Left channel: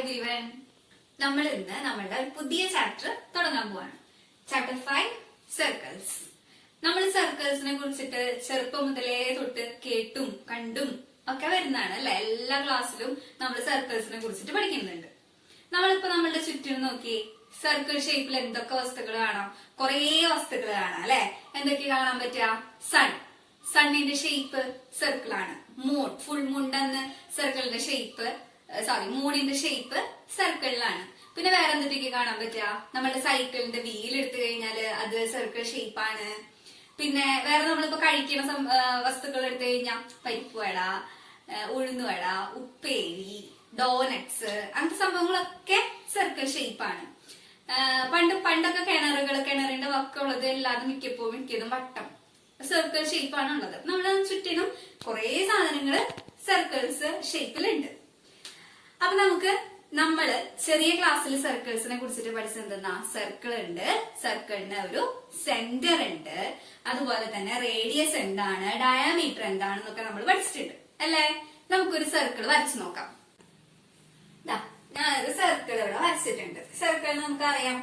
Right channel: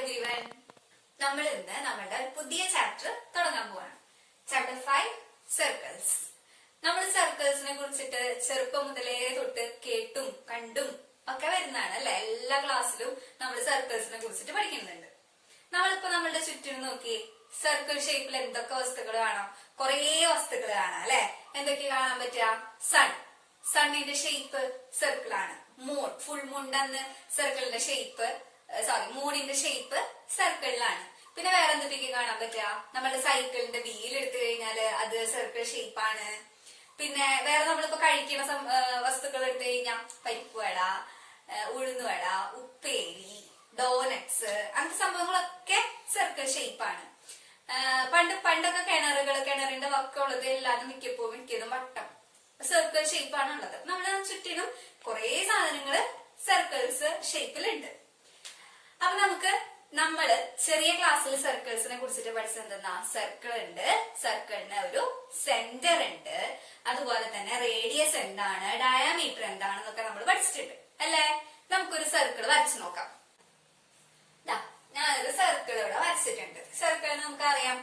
Everyone, നമ്മൾ ഇന്ന് നമ്മളുടെ പുതിയ ചാപ്റ്റർ തുടങ്ങാൻ പോവാണ്. Chapter 5 circles. നമ്മൾ സർക്കിൾസിനെ കുറിച്ചിട്ട് ചെറുപ്പം മുതലേ തൊട്ട് കേട്ടും കണ്ടും ഒക്കെ വരുന്നതാണ് അല്ലെ. എല്ലാ ക്ലാസ്സിലും നമ്മൾ സർക്കിൾസിനെ കുറിച്ചിട്ട് പഠിക്കുന്നുണ്ട്. നമ്മളിപ്പോ നമ്മളുടെ ചുറ്റിനും നോക്കി സർക്കിൾ ഷേപ്പിൽ എന്തൊക്കെ വസ്തുക്കൾ കാണാം? കുറേ വസ്തുക്കൾ കാണാം അല്ലെ. എന്തൊക്കെ കാണാൻ പറ്റുക? സണ്ണിന്റെ ഷേപ്പ് സർക്കിൾ ആണ്. മൂൺ, ഫുൾ മൂണിന്റെ അന്ന് സർക്കിളിന്റെ ഷേപ്പ്, മൂണിന്റെ ഷേപ്പ് സർക്കിളിലാണ്. പിന്നെ വേറെ എന്തൊക്കെ കാണാൻ പറ്റുക? നമ്മുടെ സൈക്കിളിന്റെ വീൽ എടുത്തു കഴിഞ്ഞാല് അത് സർക്കിൾ ഷേപ്പാണ്. പിന്നെ വേറെ നമ്മളിപ്പോ കഴിക്കുന്ന വസ്തുക്കൾ എടുത്തു കഴിഞ്ഞാൽ പരിപ്പുവട, ഉഴുന്നുവട, ഉപ്പേരി, ഡോനറ്റ്സ്, അങ്ങനത്തെ സംഭവങ്ങളൊക്കെ സർക്കിൾ ഷേപ്പാണ്. പണ്ടൊക്കെ കിണറിന്റെ വക്കുള്ളത് എല്ലാതും മിക്കതും വട്ടം സർക്കിൾ ഷേപ്പാണ് ഉള്ളത്. നമ്മുടെ ചുറ്റിനും കുറെ സാധനങ്ങള് സർക്കിൾസ് ഷേപ്പിലുണ്ട്. അപ്പൊ നമ്മള് ചെറിയ ക്ലാസ്സിൽ സർക്കിൾസിനെ കുറിച്ചിട്ട് പഠിച്ചത് എന്തെന്നാ? സർക്കിൾ ഉണ്ട്, സർക്കിളിന് ഒരു സെന്റർ ഉണ്ട്, അതുപോലെ തന്നെ റേഡിയസ് എന്താണ്, ഡയാമീറ്റർ എന്താണെന്നൊക്കെ നമ്മൾ പഠിച്ചിട്ടുണ്ട് അല്ലെ. നമുക്കൊരു സർക്കിൾ വരച്ചു നോക്കാം. ഞാനൊരു സർക്കിൾ ഇവിടെ വരച്ചിട്ടുണ്ട്. സർക്കിളിന് നമുക്കറിയാം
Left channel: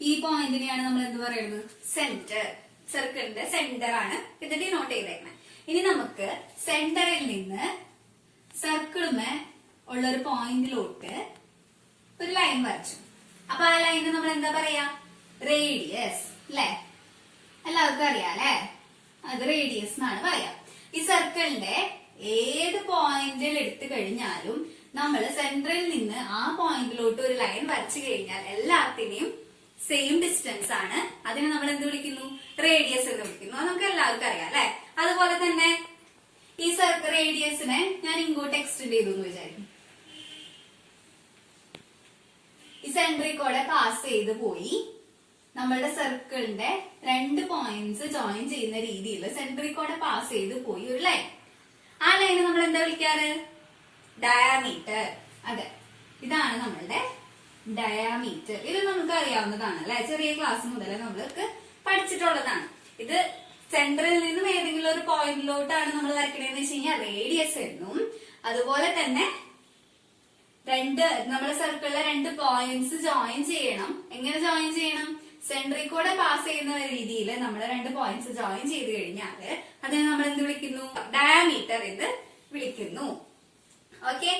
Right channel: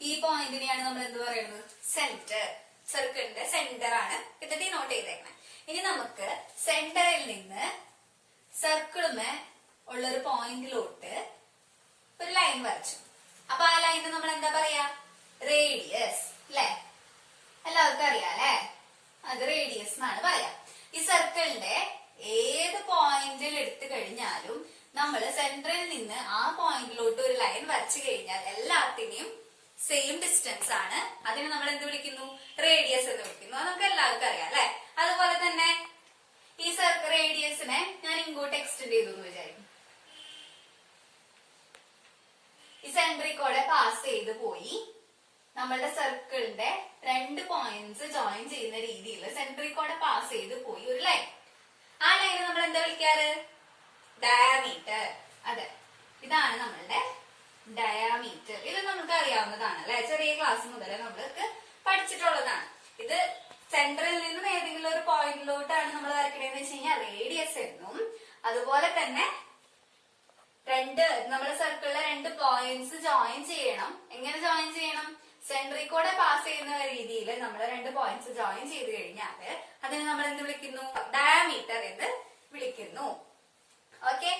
ഈ പോയിന്റിനെയാണ് നമ്മൾ എന്ത് പറയുന്നത്? സെന്റർ. സർക്കിളിന്റെ സെന്റർ ആണ് ഇത് ഡിനോട്ട് ചെയ്തേക്കുന്നത്. ഇനി നമുക്ക് സെന്ററിൽ നിന്ന് സർക്കിളിന് ഉള്ളൊരു പോയിന്റിലോട്ട് ഒരു ലൈൻ വരച്ചു. അപ്പൊ ആ ലൈനിന് നമ്മൾ എന്താ പറയാ? റേഡിയസ് അല്ലെ. എല്ലാവർക്കും അറിയാം അല്ലെ, അത് റേഡിയസ് എന്നാണ് പറയാ. ഈ സർക്കിളിന്റെ ഏത് പോയിന്റിൽ എടുത്തു കഴിഞ്ഞാലും നമ്മൾ സെന്ററിൽ നിന്ന് ആ പോയിന്റിലോട്ട് ഒരു ലൈൻ വരച്ചു കഴിഞ്ഞാൽ എല്ലാത്തിനെയും സെയിം ഡിസ്റ്റൻസ് ആണ്. അതിനെ നമ്മൾ എന്ത് വിളിക്കുന്നു? റേഡിയസ് എന്ന് വിളിക്കുന്നു. അത് നമുക്ക് എല്ലാവർക്കും അറിയാം അല്ലെ. അതുപോലെ തന്നെ ഈ റേഡിയസിനെ ഞാൻ ഇങ്ങോട്ട് എക്സ്റ്റെൻഡ് ചെയ്തു എന്ന് വിചാരിക്കും. ഈ സെന്ററിൽ കൂടെ പാസ് ചെയ്ത് പോയി നമ്മളുടെ സർക്കിളിന്റെ രണ്ട് പോയിന്റ്സ് ജോയിൻ ചെയ്യുന്ന രീതിയിൽ സെന്ററിൽ കൂടെ പാസ് ചെയ്ത് പോയി ഒരു ലൈൻ. ആ ലൈന് നമ്മൾ എന്താ വിളിക്കാറ്? ഡയാമീറ്റർ. അതെ, ഇതാണ് നമ്മളുടെ ഡയാമീറ്റർ. ഇത് നമുക്ക് അറിയാവുന്നതാണ് അല്ലെ. ചെറിയ ക്ലാസ് മുതൽ നമ്മൾക്ക് പഠിച്ചിട്ടുള്ളതാണ്. ഇത് സെന്ററിൽ നിന്നും ഏതെങ്കിലും ഒരു പോയിന്റിലോട്ടാണ് നമ്മൾ വരയ്ക്കണേന്ന് വെച്ച് കഴിഞ്ഞാൽ റേഡിയസ് എന്നും, അതുപോലെ തന്നെ നമ്മുടെ സർക്കിളിലെ രണ്ട് പോയിന്റ്സ് ജോയിൻ ചെയ്യണം. എങ്ങനെ ജോയിൻ ചെയ്യണം? സെന്ററിൽ കൂടെ പാസ് ചെയ്യുന്ന രീതിയിൽ നമ്മൾ രണ്ട് പോയിന്റ്സ് ജോയിൻ ചെയ്ത് കഴിഞ്ഞാല് അതിനെ നമ്മൾ എന്ത് വിളിക്കുന്നു? ഡയാമീറ്റർ എന്ന് വിളിക്കുന്നു. ഓക്കെ,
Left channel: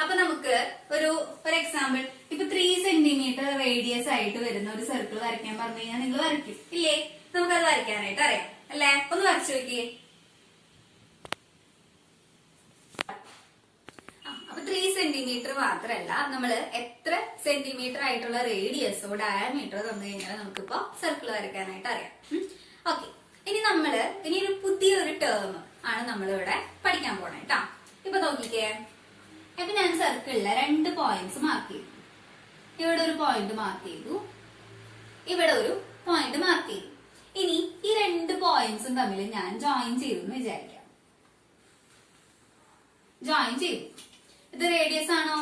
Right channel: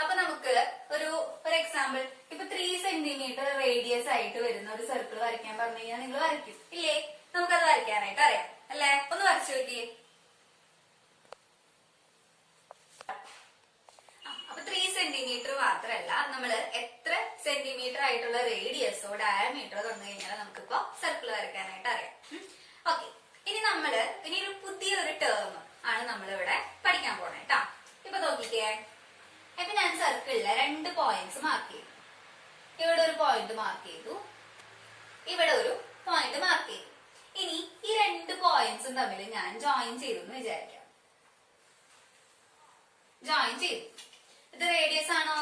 അപ്പൊ നമുക്ക് ഒരു എക്സാമ്പിൾ, ഇപ്പൊ 3 സെന്റിമീറ്റർ റേഡിയസ് ആയിട്ട് വരുന്ന ഒരു സർക്കിൾ വരയ്ക്കാൻ പറഞ്ഞു കഴിഞ്ഞാൽ നിങ്ങൾ വരയ്ക്കും ഇല്ലേ? നമുക്കത് വരയ്ക്കാനായിട്ട് അറിയാം അല്ലെ. ഒന്ന് വരച്ചു നോക്കിയേ. അപ്പൊ 3 സെന്റിമീറ്റർ മാത്രല്ല, നമ്മള് എത്ര സെന്റിമീറ്റർ ആയിട്ടുള്ള റേഡിയസോ ഡയമീറ്ററോ തന്നു കഴിഞ്ഞാൽ നമുക്കിപ്പോ സർക്കിൾ വരയ്ക്കാനായിട്ട് അറിയാം. ഓക്കെ, ഇനി ഒരു പുതിയൊരു ടേം ആണ് നമ്മളിവിടെ പഠിക്കാൻ പോണേ കേട്ടോ. ഇപ്പൊ നോക്കിക്കേ, ഇപ്പൊ ഞാൻ സർക്കിളിലെ രണ്ട് പോയിന്റ്സ് മാർക്ക് ചെയ്തു. ഇവിടെ ഒരു പോയിന്റ് മാർക്ക് ചെയ്തു, ഇവിടെ ഒരു പോയിന്റ് മാർക്ക് ചെയ്തു. ഇനി ഈ രണ്ട് പോയിന്റ്സും തമ്മിൽ ഞാൻ ജോയിൻ ചെയ്തു എന്ന് വിചാരിക്കാം. ജോയിൻ ചെയ്തു. ഇത് റേഡിയസ് ആണോ?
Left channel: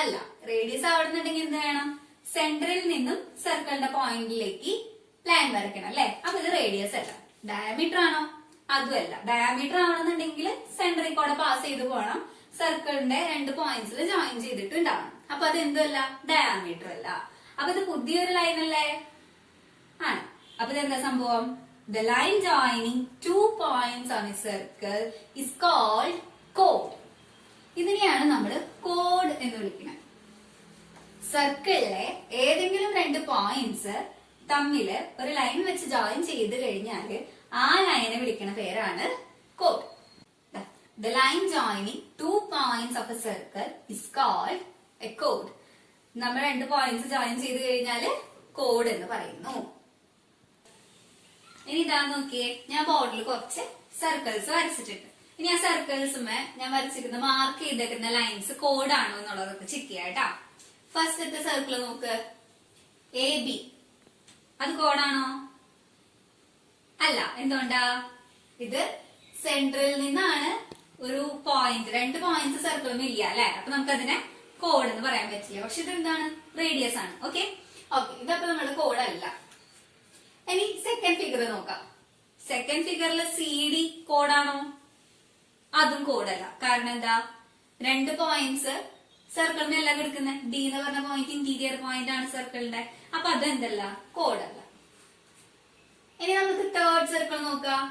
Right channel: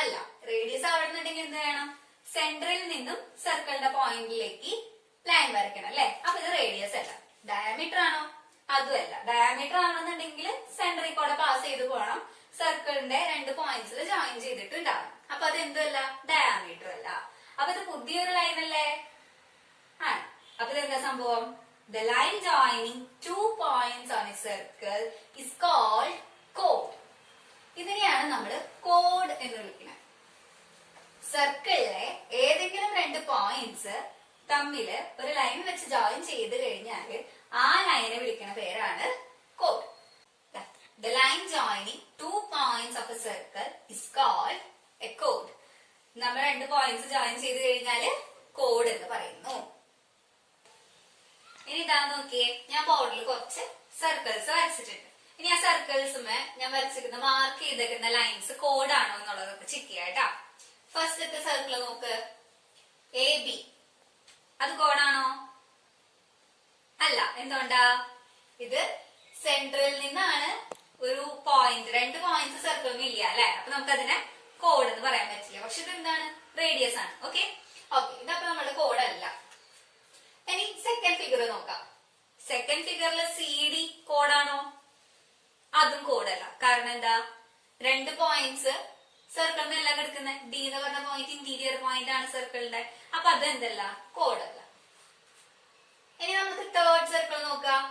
അല്ല. റേഡിയസ് ആവണമെന്നുണ്ടെങ്കിൽ എന്ത് വേണം? സെന്ററിൽ നിന്നും സർക്കിളിന്റെ പോയിന്റിലേക്ക് ലൈൻ വരയ്ക്കണം അല്ലെ. അപ്പൊ ഇത് റേഡിയസ് അല്ല. ഡയമീറ്റർ ആണോ? അതുമല്ല. ഡയമീറ്റർ ആണെന്നുണ്ടെങ്കിൽ സെന്ററിൽ കൂടെ പാസ് ചെയ്ത് പോകണം, സർക്കിളിന്റെ രണ്ട് പോയിന്റ്സിൽ ജോയിൻ ചെയ്തിട്ടുണ്ടാവണം. അപ്പൊ അത് എന്തുമല്ല? ഡയമീറ്റർ അല്ല. അപ്പൊ ഇത് പുതിയൊരു ലൈൻ അല്ലേ? ആണ്. അപ്പൊ ഇതെന്താ സംഭവം? The line joining 2 points on a circle is called chord. ഇതിനെയാണ് നമ്മൾ കോഡ് എന്ന് വിളിക്കുന്നത്. സർക്കിളിലെ ഏതെങ്കിലും രണ്ട് പോയിന്റ്സ് തമ്മില് ഒരു ലൈൻ വെച്ച് ജോയിൻ ചെയ്ത് കഴിഞ്ഞാല് ആ ലൈനെ വിളിക്കുന്ന പേരാണ് code. The line joining 2 points of a circle is called a chord. നമ്മൾ രണ്ട് പോയിന്റ്സ് ജോയിൻ ചെയ്ത് കഴിഞ്ഞാല് കോഡ് എന്ന് പറയുന്നു. ഇനി ഇതാ നോക്കിയേ, ഞാൻ ബോർഡിൽ കുറച്ച് സർക്കിൾസ് വരച്ചിട്ടുണ്ട്. ഇനി ആ സർക്കിൾസുമേ ഞാൻ വരച്ചിരിക്കുന്ന മാർക്ക് ചെയ്തേക്കുന്ന ലൈൻസ് കോഡാണോ എന്നുള്ളതൊക്കെ ചെക്ക് ചെയ്യാട്ടാ. ഫസ്റ്റത്തെ സർക്കിൾ നോക്ക്, AB. അത് കോഡാണോ? അല്ല. എന്തുകൊണ്ടാ? ഇത് സെന്ററിൽ നിന്നാണ് ഒരു പോയിന്റ്, രണ്ട് പോയിന്റ്സ് സർക്കിളും ഇല്ല അല്ലെ. അപ്പൊ നമുക്കതിനെ കോഡ് എന്ന് പറയാൻ പറ്റില്ല. പക്ഷെ ഇത് എന്താണ്? റേഡിയസ് ആണ്. ഓക്കെ, ഇതപ്പോ നമ്മുടെ കോഡ് അല്ല. ഇനി സെക്കൻഡ് ഫിഗർ നോക്കാം. സെക്കൻഡ് ഫിഗറിൽ CD കോഡാണോ? അതും കോഡല്ല. കാരണം എന്താ? രണ്ട് പോയിന്റ്സ് സർക്കിളിന് എല്ലാം കിടക്കുന്നത് ഡി എന്ന് പറഞ്ഞ പോയിന്റ് ഇന്റീരിയർ പോയിന്റ് ആണ് സർക്കിളിന്റെ. അപ്പൊ അതെന്തല്ല, കോഡല്ല. ഇനി നമുക്ക് തേർഡ് സർക്കിൾ നോക്കാം.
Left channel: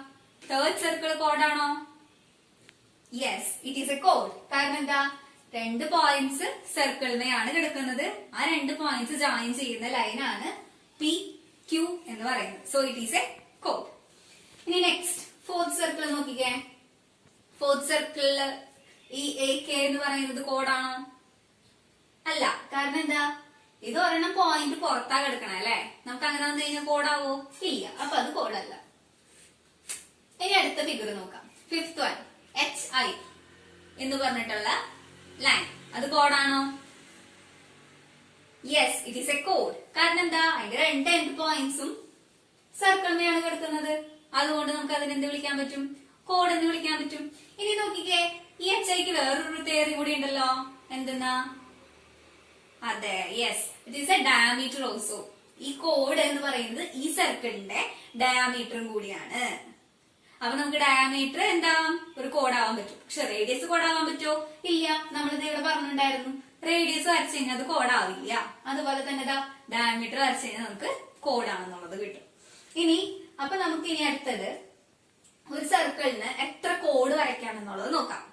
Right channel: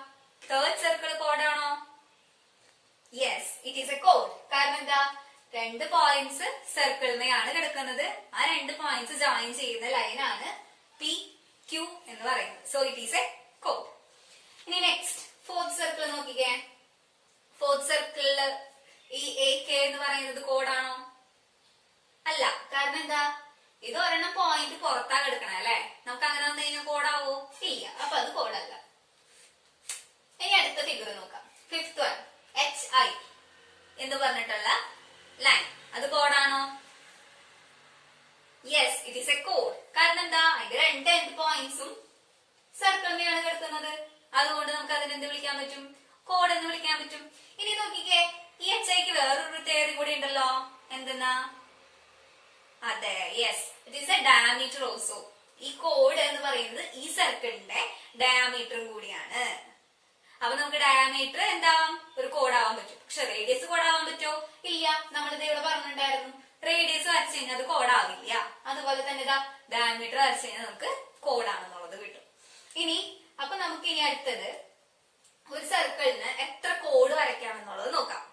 തേർഡ് സർക്കിൾ കോഡാണോ? Yes, it is a code. കാരണം എന്താ, 2 പോയിന്റ്സ് സർക്കിളിനെയാണ് കിടക്കുന്നത്. ആ 2 പോയിന്റ്സ് ജോയിൻ ചെയ്യുന്ന ലൈനാണ് പി ക്യൂ എന്ന് പറയുന്നത്. So it is a code. ഇനി നെക്സ്റ്റ് ഫോർത്ത് സർക്കിൾ നോക്കിക്കേ. ഫോർത്ത് സർക്കിളില് ഈ എ കെ എന്ന് പറയുന്നത് കോഡാണോ? അല്ല. കാരണം എന്താ, ഇത് ഒരെണ്ണം പോയിന്റ് പുറത്താ കിടക്കണേ അല്ലെ. നമുക്ക് അങ്ങനെ വന്നു കഴിഞ്ഞാൽ കോഡാവോ? ഇല്ല. അപ്പൊ അത് കോഡല്ല. ഇനി അടുത്ത ഫിഗർ നോക്കാം. ഫിഫ്ത് വൺ, എച്ച് ഐ എന്ന് പറഞ്ഞിട്ടുള്ള ലൈൻ, അത് കോഡാണോ? Yes, it is a code. കാരണം എന്താ, അതിന്റെ 2 എൻഡ് പോയിന്റ്സും സർക്കിളിനെയാണ് കിടക്കുന്നത്. അതുകൊണ്ട് നമുക്ക് അതിനെന്ത് വിളിക്കാൻ പറ്റും? കോഡ് എന്ന് വിളിക്കാൻ പറ്റും. ഇനി നോക്കിക്കേ, ഈ എച്ച് ഐക്ക് വേറൊരു പ്രത്യേകത കൂടി ഉണ്ടല്ലോ. എന്തെന്നാ? അതെ, yes, it is A diameter also. ഈ കോഡ് എന്ന് പറയുന്നത് ഈ സർക്കിളിന്റെ ഡയമീറ്ററും കൂടിയാണ്. അപ്പൊ നമുക്ക് ഡയമീറ്റർ എന്താ, ഒരു കോഡാവാൻ പറ്റും. പക്ഷെ റേഡിയസ് കോഡാവാൻ പറ്റുമോ? ഇല്ല. നമ്മളിത് ഇവിടെ പറഞ്ഞിട്ടുണ്ടായിരുന്നു, റേഡിയസ് വരച്ചു കഴിഞ്ഞാൽ അത് കോഡാവില്ല. അതുപോലെ തന്നെ ഡയമീറ്റർ വരച്ചു കഴിഞ്ഞാൽ നമുക്ക് കോഡാണെന്നുള്ളത് കിട്ടും. ഇനി അപ്പൊ നമുക്ക് ഇനി അടുത്തത് ഒരു സർക്കിളിന് എത്ര കോഡ് വരയ്ക്കാമെന്നുള്ളത് നോക്കാം.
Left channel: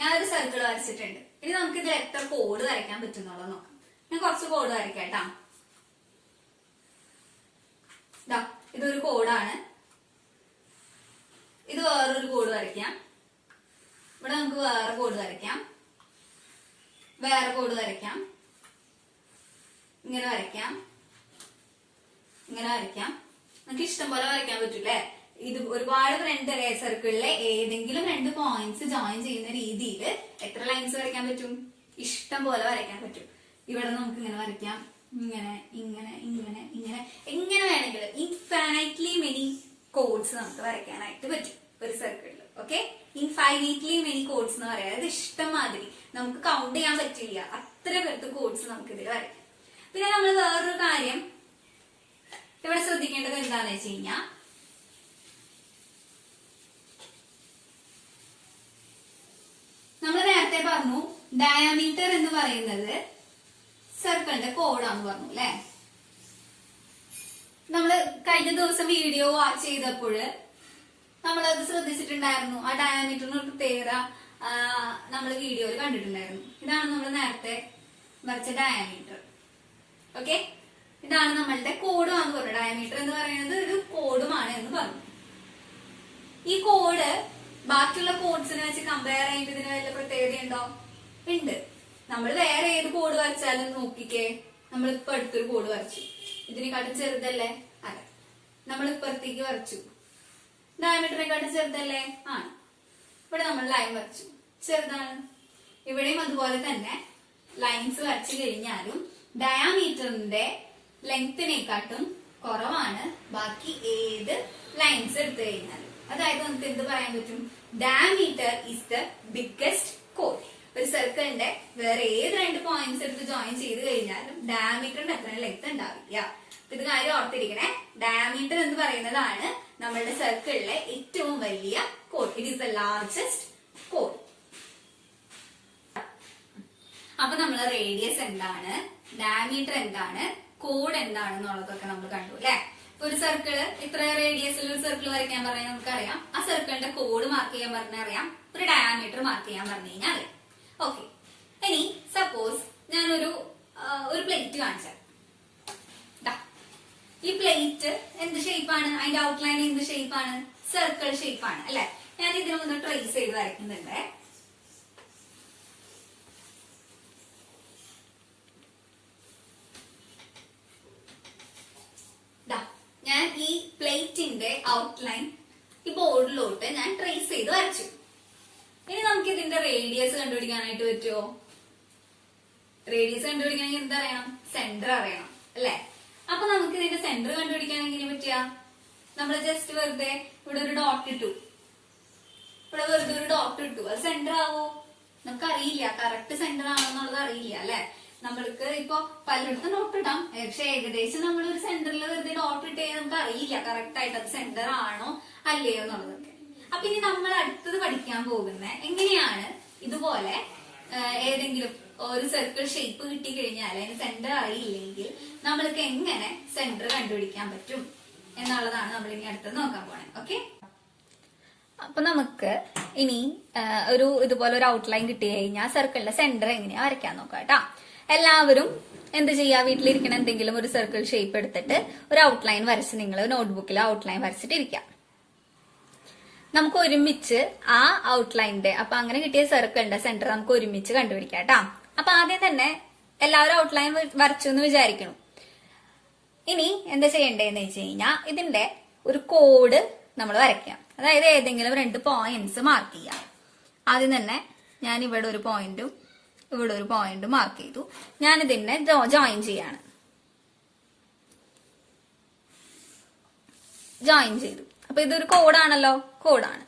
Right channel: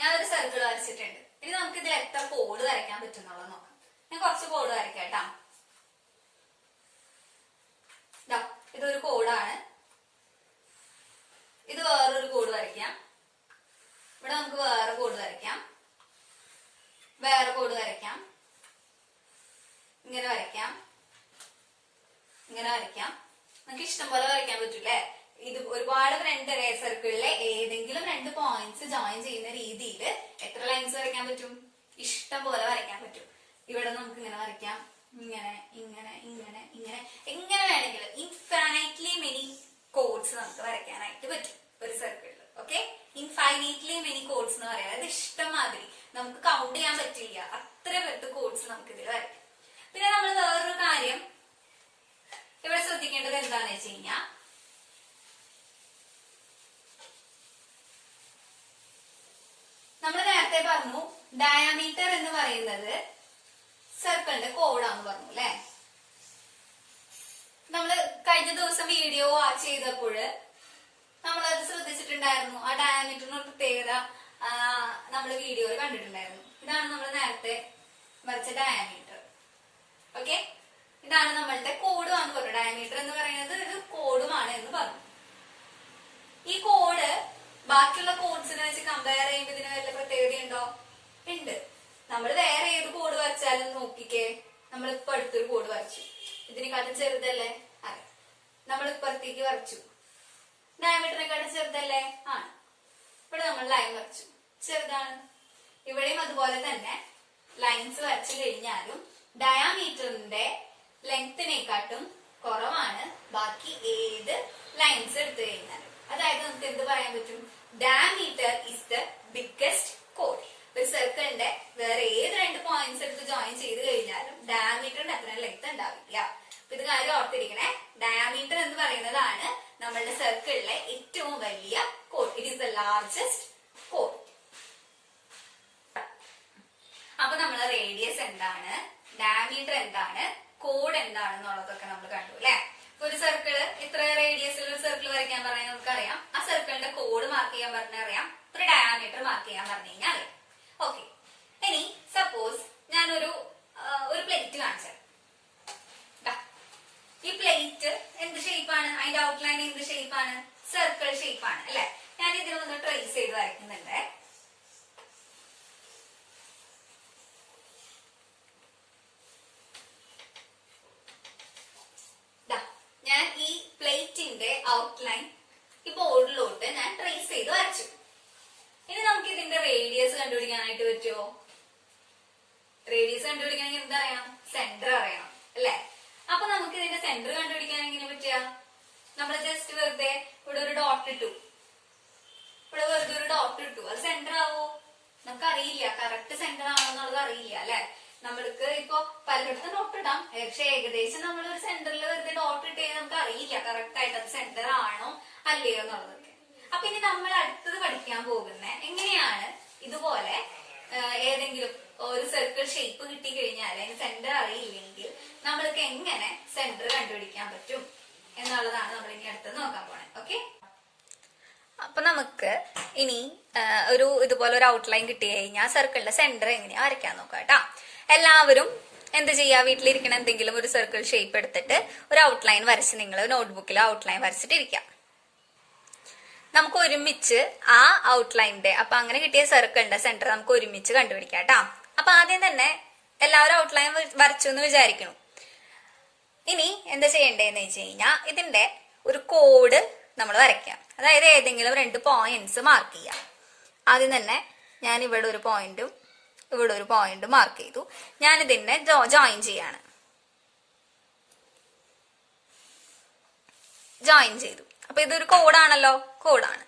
ഞാനൊരു സർക്കിൾ വരച്ചിട്ടുണ്ട്. ഇനി നമുക്ക് ഇതിൽ എത്ര കോഡ് വരയ്ക്കാൻ പറ്റും എന്നുള്ളത് നോക്കാം. ഞാൻ കുറച്ച് കോഡ് വരയ്ക്കാം. ഇതൊരു കോഡാണ്. ഇത് വേറൊരു കോഡ് വരയ്ക്കാം. ഇവിടെ നമുക്ക് വേറെ കോഡ് വരയ്ക്കാം, വേറെ കോഡ് വരയ്ക്കാം, ഇങ്ങനെ വരയ്ക്കാം, ഇങ്ങനെ വരയ്ക്കാം. നമുക്ക് ഇഷ്ടം പോലെ വരയ്ക്കാൻ പറ്റൂലേ. ഇത് ഒരുപാട് സർക്കിളിലെ ഏതെങ്കിലും 2 പോയിന്റ്സ് ജോയിൻ ചെയ്യുന്ന രീതിയിൽ എത്ര ലൈൻസ് വരയ്ക്കാൻ പറ്റും? ഇഷ്ടം പോലെ വരയ്ക്കാൻ പറ്റും. ഇവിടെ നമുക്ക് ഇങ്ങനെ വരയ്ക്കാം, ഇങ്ങനെ ഇങ്ങനെ ഇങ്ങനെ ഇങ്ങനെ എങ്ങനെ വേണമെങ്കിലും ഇൻഫൈനൈറ്റ്ലി മെനി കോഡ്സ് നമുക്ക് വരയ്ക്കാനായിട്ട് പറ്റും ഒരു സർക്കിളിൽ. ഓക്കെ, ഇൻഫൈനൈറ്റ്ലി മെനി കോഡ്സ് എന്ന് പറയാം. അത് ഇഷ്ടം മാതിരി നമുക്ക് കൗണ്ട് ചെയ്യാൻ പറ്റില്ല, അത്ര പേർക്ക് കോഡ്സ് നമുക്ക് ഇതിൽ വരയ്ക്കാം. പിന്നെ നമ്മൾ വേറൊരു കാര്യം ഇവിടെ ശ്രദ്ധിക്കേണ്ടത് എന്താണെന്ന് വെച്ച് കഴിഞ്ഞാൽ, നമ്മൾ നേരത്തെ പറഞ്ഞു ഡയമീറ്റർ എന്ന് പറയുന്നത് സർക്കിളിന്റെ കോഡാന്ന് പറഞ്ഞു അല്ലെ. നമ്മള് കഴിഞ്ഞ ദിവസം വീഡിയോ വാച്ച് ചെയ്തപ്പോൾ നമ്മളത് ശ്രദ്ധിച്ചിട്ടുണ്ടായിരുന്നു. ആ ഡയമീറ്ററിന് ഒരു പ്രത്യേകത നമ്മൾ വീഡിയോയിൽ കണ്ടിട്ടുണ്ടായിരുന്നു. ഇതാണ് നമ്മൾ നേരത്തെ വരച്ച ഡയമീറ്റർ. ഓക്കെ, ഇതാണ് നമ്മളുടെ കോഡുമാണെന്ന് പറഞ്ഞു. ഡയമീറ്റർ എന്ന് പറയുന്നത് ഒരു കോഡുമാണ് എന്ന് പറഞ്ഞു. ഈ കോഡ് ബാക്കിയുള്ള കോഡ്സിനെ വെച്ച് കമ്പയർ ചെയ്യുമ്പോൾ ഇതിന് വല്ല പ്രത്യേകതയുണ്ടോ? ഉണ്ട്. നമ്മൾ വേറെ ഏത് കോഡ് വരച്ചാലും നോക്കിക്കേ, നമ്മളിപ്പോ അടുത്തൊരു കോഡ് വരച്ചു, ഇതിനെക്കാട്ടും ചെറുതല്ലേ? അതെ. നമ്മൾ ഇപ്പുറത്തേക്ക് വരച്ചു, ഡയമീറ്ററിനെക്കാട്ടും ചെറുതല്ലേ? ആണ്. ഇവിടെ നമ്മൾ ലൈൻ വരച്ചു, ചെറുതാണ്. ഇവിടെയും അതുപോലെ തന്നെ ലൈൻസ് വരച്ചു കഴിഞ്ഞാലും ഡയമീറ്ററിന്റെ ലെങ്തിനെക്കാട്ടും കുറവാണ് ബാക്കി ഏത് ലൈൻസ് എടുത്തു കഴിഞ്ഞാലും. അതായത് നമുക്ക് എന്ത് പറയാൻ പറ്റും? Diameter is the biggest code. ഒരു സർക്കിളിന്റെ വേറെ ഏത് 2 പോയിന്റ്സ് എടുത്ത് ജോയിൻ ചെയ്ത് കഴിഞ്ഞാലും ഡയമീറ്ററിന്റെ അത്ര ലെങ്ത് ഉണ്ടാവില്ല. ഇത് കാര്യം ഓർത്തിരിക്കണേ. ഡയമീറ്റർ എന്ന് പറയുന്നതാണ് നമ്മളുടെ സർക്കിളിലെ ഏറ്റവും വലിയ code. It is the largest code. അപ്പൊ നമ്മൾ റേഡിയസ് എന്താണ്, ഡയമീറ്റർ എന്താണ്, കോഡ് എന്താണെന്നുള്ളതൊക്കെ നമ്മൾ കണ്ടു അല്ലെ. ഒരു സർക്കിള് ഇത്ര റേഡിയസിൽ ഒരു സർക്കിൾ വരയ്ക്കാൻ പറഞ്ഞാൽ നമുക്കറിയാം. ആ സർക്കിളിന്റെ കോഡ് മാർക്ക് ചെയ്യാൻ പറഞ്ഞാൽ അറിയാം. ഒരു ഡയമീറ്റർ മാർക്ക് ചെയ്യാൻ പറഞ്ഞു കഴിഞ്ഞാൽ അറിയാം. ഓക്കെ, ഇനി സപ്പോസ് ഞാനൊരു പ്ലേറ്റ് കാണിച്ചാൽ, ഈ പ്ലേറ്റ് എന്ത് ഷേപ്പാണ്? അതിന്റെ ഔട്ട്ലൈൻ എന്ത് ഷേപ്പാണ്? സർക്കിൾ ഷേപ്പാണ് അല്ലെ. ഞാൻ ഇതിൽ നിന്ന് ട്രേസ് ചെയ്ത് വരയ്ക്കുന്നുണ്ട്. ഞാൻ ഈ പ്ലേറ്റിന്റെ ഔട്ട്ലൈൻ ഈ ബോർഡിലോട്ട് ഞാൻ ട്രേസ് ചെയ്ത് വരച്ചു. ഇനി നമുക്ക് ഇതിന്റെ റേഡിയസ് കണ്ടുപിടിക്കാനായിട്ട് പറ്റുമോ? റേഡിയസ് കണ്ടുപിടിക്കണമെങ്കിൽ എന്തറിയണം? സെന്റർ അറിയണം അല്ലെ. അപ്പൊ നമുക്ക് ഇതിന്റെ സെന്റർ കണ്ടുപിടിക്കാനെങ്കിൽ എങ്ങനെ പറ്റുക? നമ്മൾ ജസ്റ്റ് വെറുതെ ഇവിടെ ഒരു ഡോട്ട് ഇട്ടു, ഇവിടെ വെറുതെ ഒരു ഡോട്ട് ഇട്ടു, അത് സെന്റർ ആവോ? നമുക്ക് അറിയില്ല. കറക്റ്റ് സെന്റർ ആണോ എന്നുള്ളത് അറിയില്ല അല്ലെ. നമ്മൾക്ക് ഇപ്പൊ പലയിടത്തും ഡോട്ട് ഇടാം, പക്ഷെ ഏകദേശം നമ്മൾ ഒരു സെന്ററിൽ വെറുതെ ഡോട്ട് ഇട്ട് കഴിഞ്ഞാൽ നമുക്ക് അറിയില്ല കറക്റ്റ് ആയിട്ട് അത് സെന്റർ ആണോ അല്ലയോ എന്നുള്ളതൊക്കെ. അപ്പൊ ഇനി നമ്മൾ അടുത്തത് പഠിക്കാൻ പോകുന്ന എങ്ങനെയാണ് ഇതുപോലെ ഏതെങ്കിലും ഒരു സർക്കിൾ ഷേപ്പ് കിട്ടി കഴിഞ്ഞാൽ അതിന് സെന്റർ അറിയില്ലെങ്കിൽ നമ്മൾക്ക് എങ്ങനെ സെന്റർ കണ്ടുപിടിക്കാൻ പറ്റും എന്നുള്ളതാണ് നമ്മൾ ഇനി അടുത്ത് നോക്കാൻ പോണേ. ഓക്കെ, അപ്പൊ നമുക്ക് ഇനി ഒരു ഇതുപോലെ ഒരു ഔട്ട്ലൈൻ കിട്ടി കഴിഞ്ഞാൽ സർക്കിളിന്റെ സെന്റർ എങ്ങനെയാ വരയ്ക്കാൻ നോക്കാം കേട്ടാ. എല്ലാവരും എന്ത് ചെയ്യാ, വീട്ടിലിരിക്കണ എന്തെങ്കിലും ഒരു സർക്കിൾ ഷേപ്പ് എടുത്തിട്ട് ഒരു ഔട്ട്ലൈൻ വരച്ച് നിങ്ങൾ നോട്ട്ബുക്കിൽ ഔട്ട്ലൈൻ വരച്ചിട്ടിരിക്കാം. നമുക്ക് ഒരുമിച്ച് ആ ഔട്ട്ലൈനിന്റെ അപ്പൊ അങ്ങനെ കിട്ടിയ സർക്കിളിന്റെ സെന്റർ നമുക്ക് ഒരുമിച്ച് കണ്ടുപിടിക്കാം കേട്ടാ. അപ്പൊ ആദ്യം തന്നെ എല്ലാവരും ഔട്ട്ലൈൻ വരച്ചു എന്ന് വിചാരിക്കണം. ഇനി എന്താ ചെയ്യേണ്ടതെന്ന് വെച്ച് കഴിഞ്ഞാൽ ഇതിന്റെ ഒരു കോഡ് നമ്മൾ വരയ്ക്കാം. അതായത് ഏതെങ്കിലും 2 പോയിന്റ്സ് മാർക്ക് ചെയ്യാം. ആദ്യം തന്നെ ഞാൻ ഇവിടെ ഒരു പോയിന്റും ഇവിടെ ഒരു പോയിന്റ് മാർക്ക് ചെയ്തു. ഞാൻ ഇതിനെ ജോയിൻ ചെയ്യാണ്. ജോയിൻ ചെയ്തു. അപ്പൊ ഇതൊരു കോഡാണല്ലോ, കോഡാണ്.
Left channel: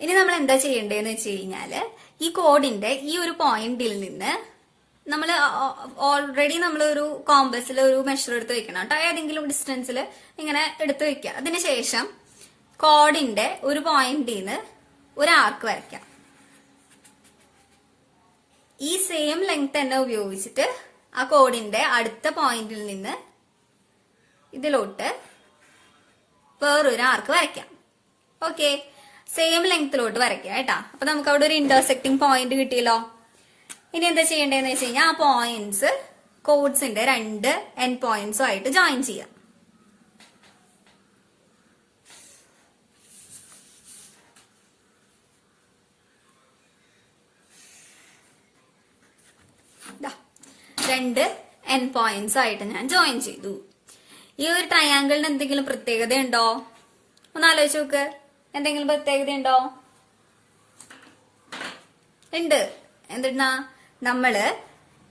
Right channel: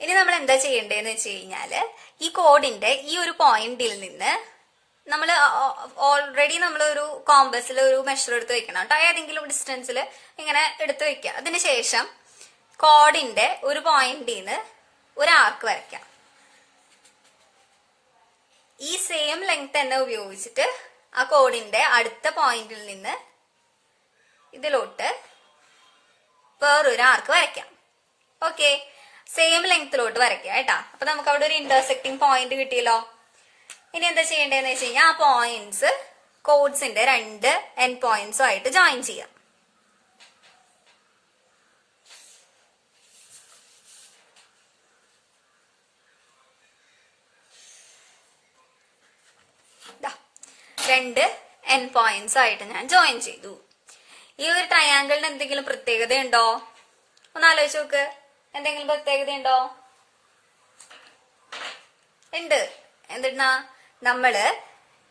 ഇനി നമ്മൾ എന്താ ചെയ്യേണ്ടതെന്ന് വെച്ച് കഴിഞ്ഞാല് ഈ കോഡിന്റെ ഈ ഒരു പോയിന്റിൽ നിന്ന് നമ്മൾ ഓൾറെഡി നമ്മൾ ഒരു കോമ്പസിൽ ഒരു മെഷർ എടുത്ത് വെക്കണം കേട്ടോ. ഏതെങ്കിലും ഡിസ്റ്റൻസിൽ ഇങ്ങനെ എടുത്ത് വെക്കുക. അതിനുശേഷം കോഡിന്റെ ഒരു പോയിന്റിൽ നിന്ന് ഒരു ആർക്ക് വരയ്ക്കാം. ഈ സെയിം ലെങ്ത് തന്നെ ഉപയോഗിച്ചിട്ട് ആ കോഡിന്റെ അടുത്ത പോയിന്റിൽ നിന്ന് ഇതിലോട്ട് വേറൊരു ആർക്ക് വരയ്ക്കാം. ഓക്കെ, സെയിം ലെങ്ത്തിലോട്ട് വരയ്ക്കാം കേട്ടാ. അപ്പൊ നമുക്ക് അവിടെ ഒരു ഇന്റർസെക്ടിങ് പോയിന്റ് കിട്ടിയല്ലോ. ഇനി എന്താ ചെയ്യേണ്ടതെന്ന് വെച്ച് കഴിഞ്ഞാൽ ആ പോയിന്റ്സ് കോഡ്സിന്റെ 2 എൻഡ് പോയിന്റ്സും ആയിട്ട് ജോയിൻ ചെയ്യാം. രണ്ട് എൻഡ് പോയിന്റ്സ് ആയിട്ട് ഞാൻ ജോയിൻ ചെയ്തു. ഈ ഒരു ട്രയാങ്കിളിന് എന്തെങ്കിലും പ്രത്യേകത ഉണ്ടോ? ഒന്ന് ആലോചിച്ച് നോക്ക്. എന്തെങ്കിലും പ്രത്യേകത ഉണ്ടോ? ഉണ്ട്. എന്തിനാ നമ്മള്